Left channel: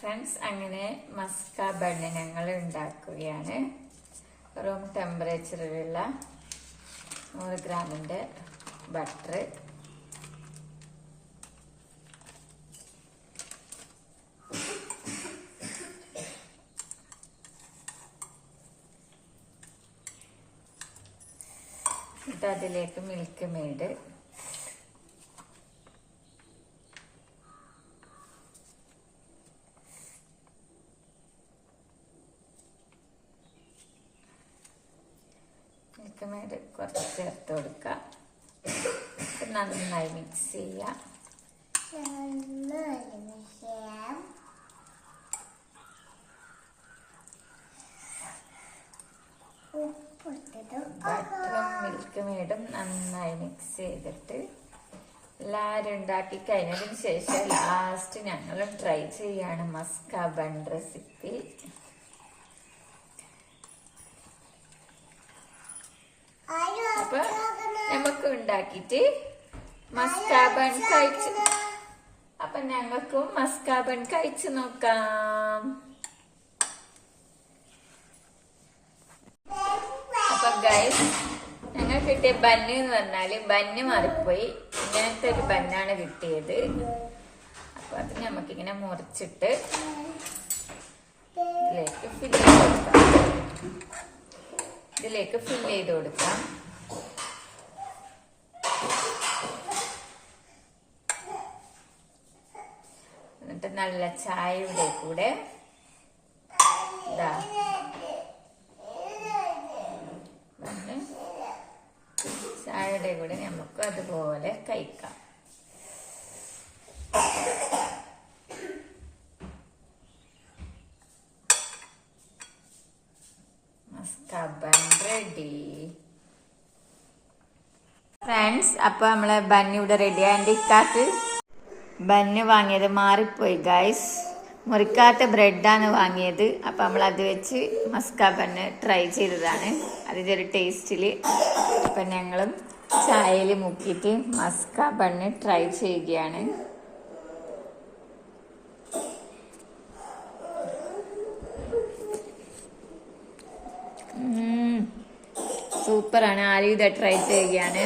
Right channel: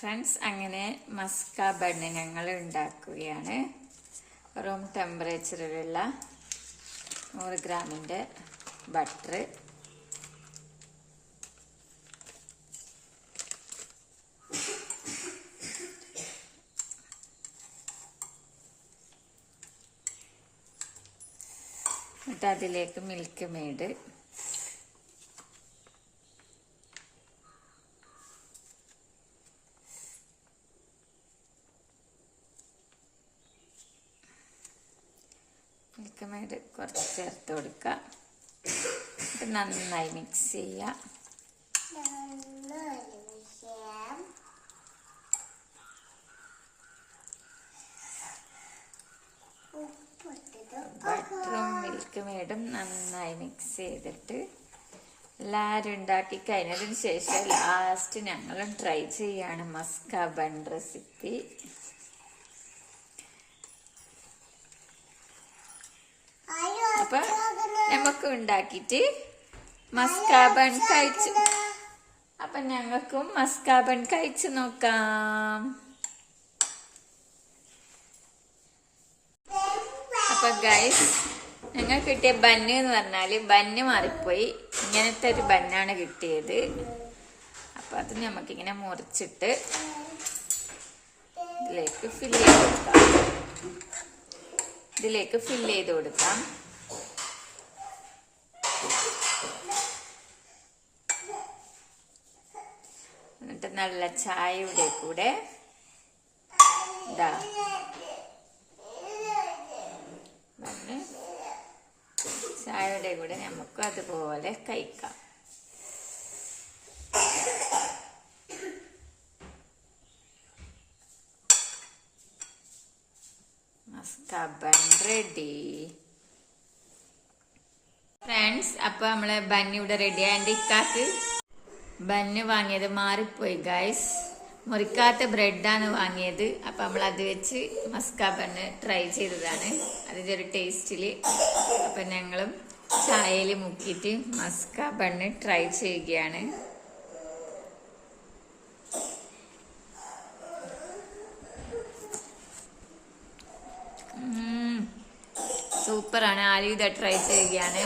Friends, അങ്ങനെ Musca bun ഞങ്ങൾ ഉണ്ടാക്കുകയാണ്. റൂം ടെമ്പറേച്ചറിലുള്ള 100 ഗ്രാമിൻ്റെ ബട്ടർ, എന്നിട്ട് അതിലേക്ക് മിൽക്ക് മെയ്ഡ്, മിൽക്ക് മെയ്ഡ് കുറച്ച് ചേർത്ത് കൊടുക്കുക. നന്നായി മിക്സ് ചെയ്യാം. ബട്ടറും മിൽക്ക് മെയ്ഡും നന്നായി മിക്സ് ചെയ്തിട്ട് എല്ലാവരും ഉണ്ടാക്കി കഴിഞ്ഞതിന് ശേഷം ലാസ്റ്റ് ഞങ്ങളും ട്രൈ ചെയ്യാണ് മസ്ക ബൺ റെസിപ്പി. അപ്പൊ നമുക്ക് ഉണ്ടാക്കിട്ട് മസ്ക ബൺ കഴിച്ചു, അപ്പൊ ഞങ്ങൾക്കും മസ്ക ബൺ കഴിച്ചു നോക്കാം. അപ്പൊ ഗൈസ്, ഞങ്ങൾ കിട്ടിയ ബന്ന് എന്ന് പറഞ്ഞാല് ബന്ന് മാറിപ്പോയി. ഇങ്ങനത്തെ ഒരു ബന്നാണ് കിട്ടിയത്. അപ്പൊ അത് നമുക്കിങ്ങനെ മുറിച്ചിട്ട് ഇതിലേക്ക് ഫില്ല് ചെയ്ത് കൊടുക്കാം. എന്നിട്ട് നല്ല ചായയുടെ കൂടെ ഇതാ ചായയുടെ കൂടെ നമുക്ക് അതുപോലെ കഴിക്കാം. Musca bun ready friends. അപ്പൊ നമ്മളെ ബന്ന് ഇവിടെ റെഡി. ആൻഡ് ഇക്കാക്ക് ബന്ന് വാങ്ങിയത് മാറിപ്പോയി ഗൈസ്. മുറിക്കാത്ത ബ്രെഡാണ് വാങ്ങിയത്. അപ്പൊ നമ്മൾ അത് വെച്ച് മസ്ക ബണ്ണ് ട്രൈ ചെയ്തതാണ് അതിന്റെ ഒരു ടേസ്റ്റില്. അപ്പൊ ഞങ്ങളും ചായയിൽ മുക്കിയിട്ട് മസ്ക ബണ്ണ് ട്രൈ ചെയ്യുകയാണ്. സൂപ്പറാണ്. ആരും ഇത് ട്രൈ ചെയ്യുകയാണ്.